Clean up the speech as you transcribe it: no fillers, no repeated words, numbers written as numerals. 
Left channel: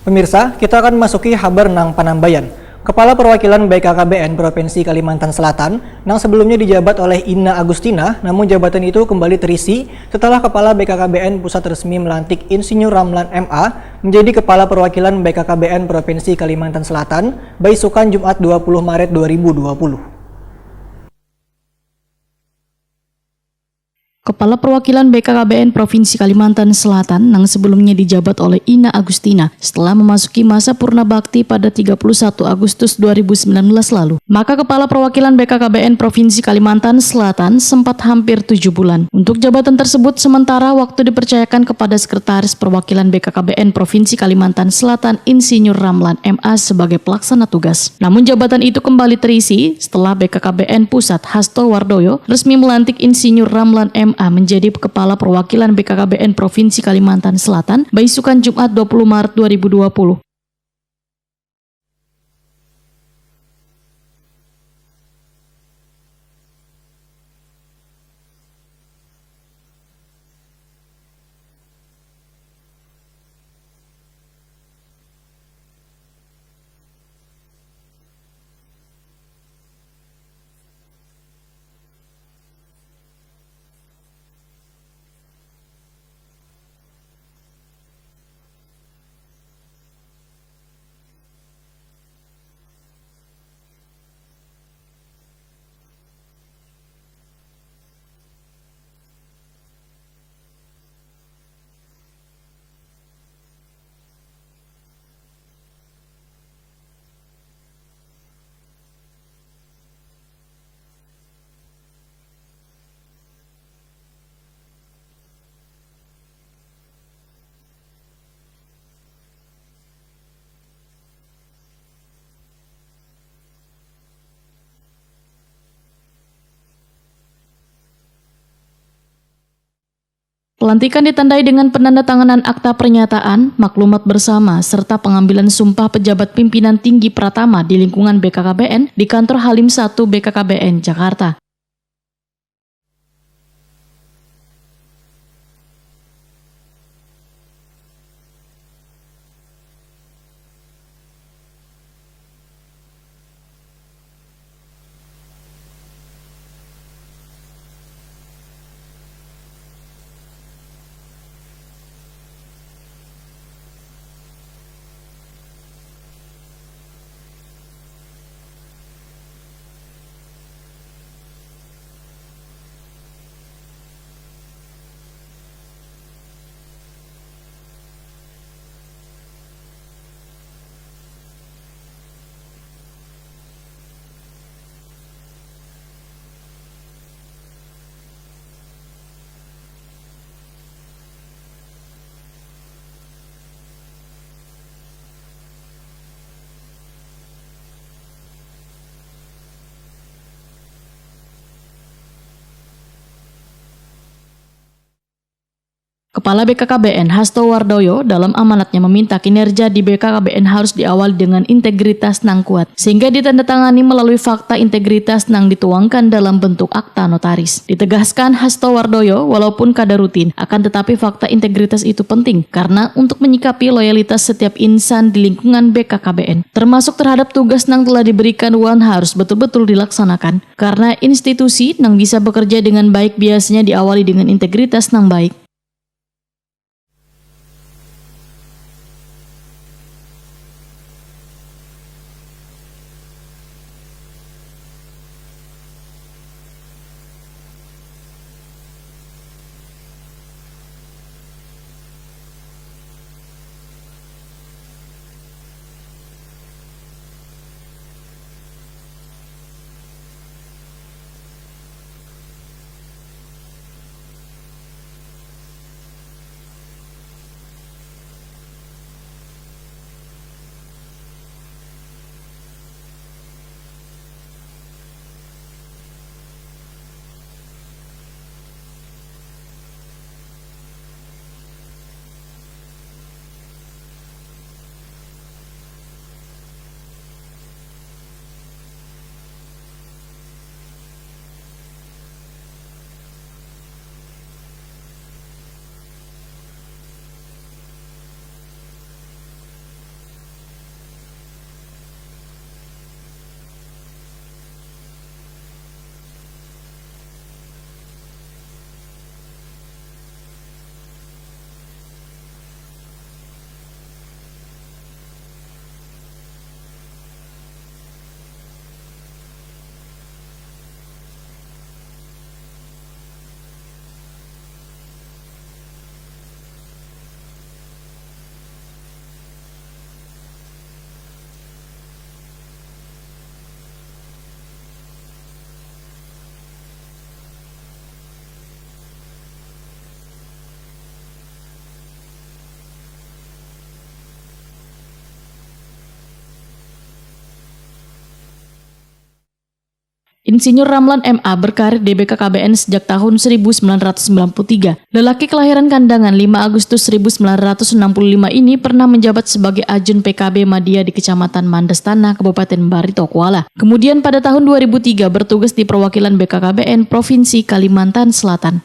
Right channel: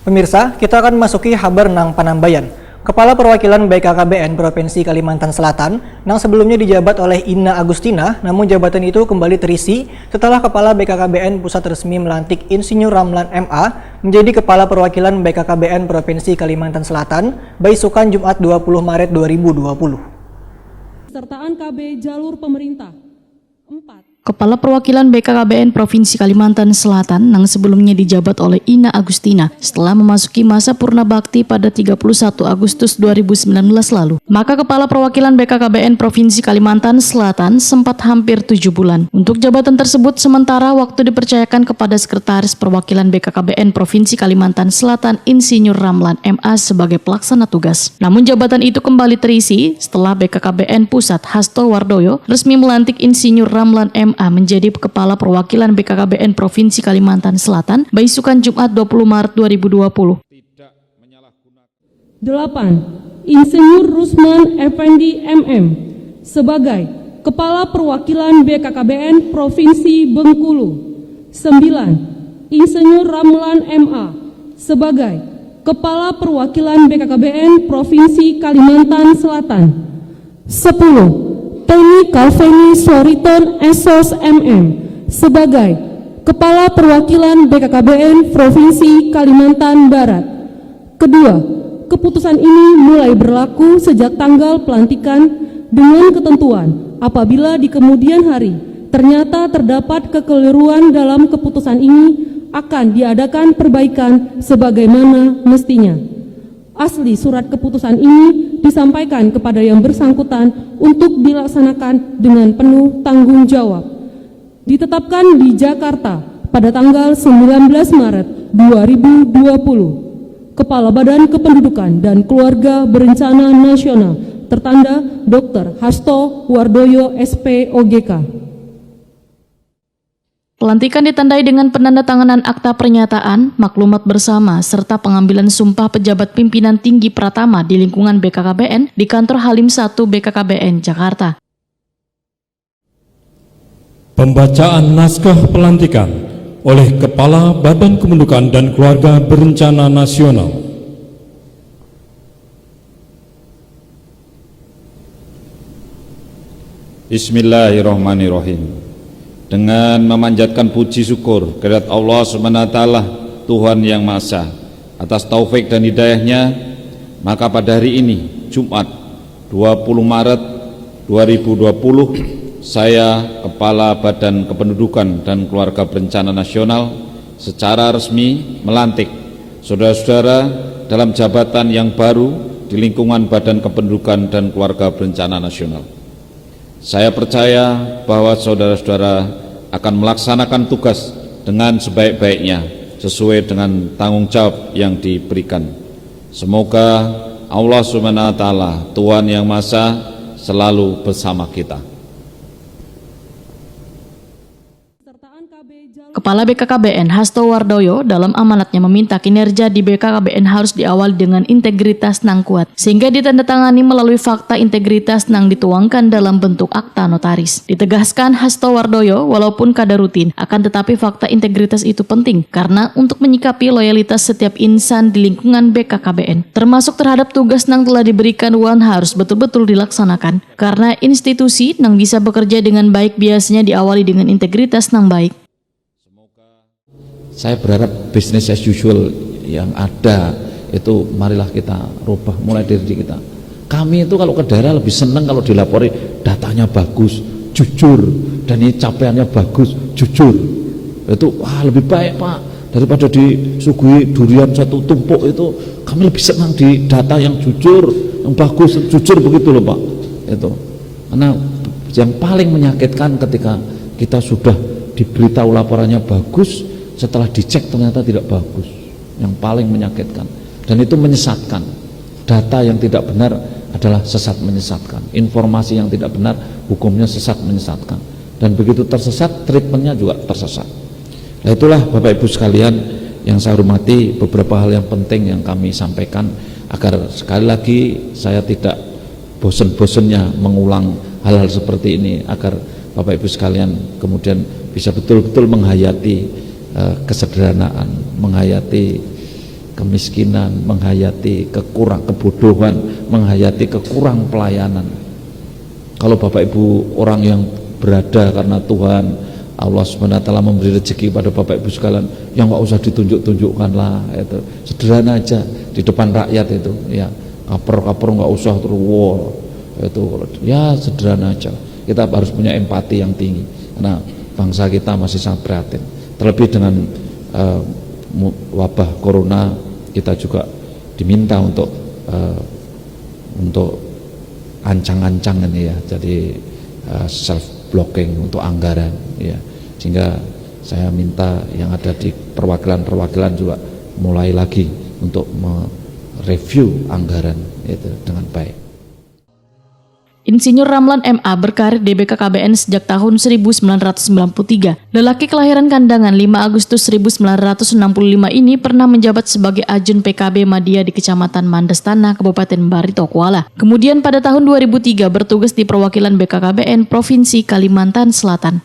Pemirsa, kita akan memasuki Haber Nang Panambayan. Kepala Perwakilan BKKBN Provinsi Kalimantan Selatan, yang sebelumnya dijabat oleh Ina Agustina, namun jabatan itu kembali terisi setelah Kepala BKKBN Pusat resmi melantik Insinyur Ramlan MA menjadi Kepala Perwakilan BKKBN Provinsi Kalimantan Selatan, Baisukan Jumat 20 Maret 2020. Sertaan KB Jalur Pemerintah 4. Kepala Perwakilan BKKBN Provinsi Kalimantan Selatan yang sebelumnya dijabat oleh Ina Agustina setelah memasuki masa purna bakti pada 31 Agustus 2019 lalu. Maka Kepala Perwakilan BKKBN Provinsi Kalimantan Selatan sempat hampir 7 bulan. Untuk jabatan tersebut sementara waktu dipercayakan kepada Sekretaris Perwakilan BKKBN Provinsi Kalimantan Selatan Insinyur Ramlan MA sebagai pelaksana tugas. Namun jabatan itu kembali terisi setelah BKKBN Pusat Hasto Wardoyo resmi melantik Insinyur Ramlan MA menjadi Kepala Perwakilan BKKBN Provinsi Kalimantan Selatan, Baisukan Jumat 20 Maret 2020. 8. Insinyur Rusman Effendi MM sebagai Kepala Perwakilan BKKBN Provinsi Bengkulu. 9. Insinyur Ramlan MA sebagai Kepala Perwakilan BKKBN Provinsi Kalimantan Selatan. 10. Teni Calveni Soriton Esos MM sebagai Kepala Perwakilan BKKBN Provinsi Kalimantan Barat. Kedua, keputusan ini mulai berlaku sejak tanggal pelantikan dengan ketentuan apabila di kemudian hari ternyata terdapat kekeliruan dalam keputusan ini akan diadakan perbaikan sebagaimana mestinya. Asli surat keputusan ini disampaikan kepada yang bersangkutan untuk dilaksanakan dengan penuh tanggung jawab. Ditetapkan di Jakarta pada tanggal 19 Maret 2020. Kepala Badan Kependudukan dan Keluarga Berencana Nasional tertanda Dr. Hasto Wardoyo SPOGK. Pelantikan ditandai dengan penandatanganan akta pernyataan, maklumat bersama, serta pengambilan sumpah pejabat pimpinan tinggi Pratama di lingkungan BKKBN di kantor Halim 1 BKKBN, Jakarta. Pembacaan naskah pelantikan oleh Kepala Badan Kependudukan dan Keluarga Berencana Nasional. Bismillahirrahmanirrahim. Dengan memanjatkan puji syukur kehadirat Allah SWT, Tuhan Yang Maha Esa, atas taufik dan hidayahnya, maka pada hari ini, Jumat 20 Maret 2020, saya, Kepala Badan Kependudukan dan Keluarga Berencana Nasional, secara resmi melantik saudara-saudara dalam jabatan yang baru di lingkungan Badan Kependudukan dan Keluarga Berencana Nasional. Saya percaya bahwa saudara-saudara akan melaksanakan tugas dengan sebaik-baiknya sesuai dengan tanggung jawab yang diberikan. Semoga Allah SWT, Tuhan Yang Maha Esa, selalu bersama kita. Kepala BKKBN Hasto Wardoyo dalam amanatnya meminta kinerja di BKKBN harus diawali dengan integritas nang kuat, sehingga ditandatangani melalui fakta integritas nang dituangkan dalam bentuk akta notaris. Ditegaskan Hasto Wardoyo, walaupun kada rutin, akan tetapi fakta integritas itu penting, karena untuk menyikapi loyalitas setiap insan di lingkungan BKKBN, termasuk terhadap tugas nang telah diberikan Wan harus betul-betul dilaksanakan, karena institusi nang bisa bekerja dengan baik biasanya diawali dengan integritas nang baik. Saya berharap business as usual yang ada itu marilah kita rubah mulai dari diri kita. Kami itu kalau ke daerah lebih senang kalau dilapori datanya bagus, jujur, dan ini capaiannya bagus, jujur. Itu lebih baik Pak daripada disuguhi durian satu tumpuk. Itu kami lebih senang di data yang jujur, yang bagus, jujur begitu loh Pak. Itu karena yang paling menyakitkan ketika kita sudah diberitahu laporannya bagus, setelah dicek ternyata tidak bagus, yang paling menyakitkan, dan itu menyesatkan. Data yang tidak benar adalah sesat menyesatkan, informasi yang tidak benar hukumnya sesat menyesatkan, dan begitu tersesat treatmentnya juga tersesat. Nah itulah Bapak Ibu sekalian yang saya hormati, beberapa hal yang penting yang kami sampaikan agar sekali lagi saya tidak bosan-bosannya mengulang hal-hal seperti ini, agar Bapak Ibu sekalian kemudian bisa betul-betul menghayati kesederhanaan, menghayati kemiskinan, menghayati kebodohan, menghayati kekurang pelayanan. Kalau Bapak Ibu orang yang berada karena Tuhan Allah SWT memberi rezeki pada Bapak Ibu sekalian, yang nggak usah ditunjuk-tunjukkan lah, itu sederhana aja di depan rakyat itu, ya kaper nggak usah terus wow, itu ya sederhana aja. Kita harus punya empati yang tinggi karena bangsa kita masih sangat prihatin. Terlebih dengan wabah corona, kita juga diminta untuk ancang-ancang ini ya, jadi self blocking untuk anggaran ya, sehingga saya minta yang ada di perwakilan juga mulai lagi untuk mereview anggaran itu dengan baik. Insinyur Ramlan MA berkarir di BKKBN sejak tahun 1993. Lelaki kelahiran Kandangan 5 Agustus 1965 ini pernah menjabat sebagai Ajun PKB Madya di Kecamatan Mandastana, Kabupaten Barito Kuala. Kemudian pada tahun 2003 bertugas di perwakilan BKKBN Provinsi Kalimantan Selatan.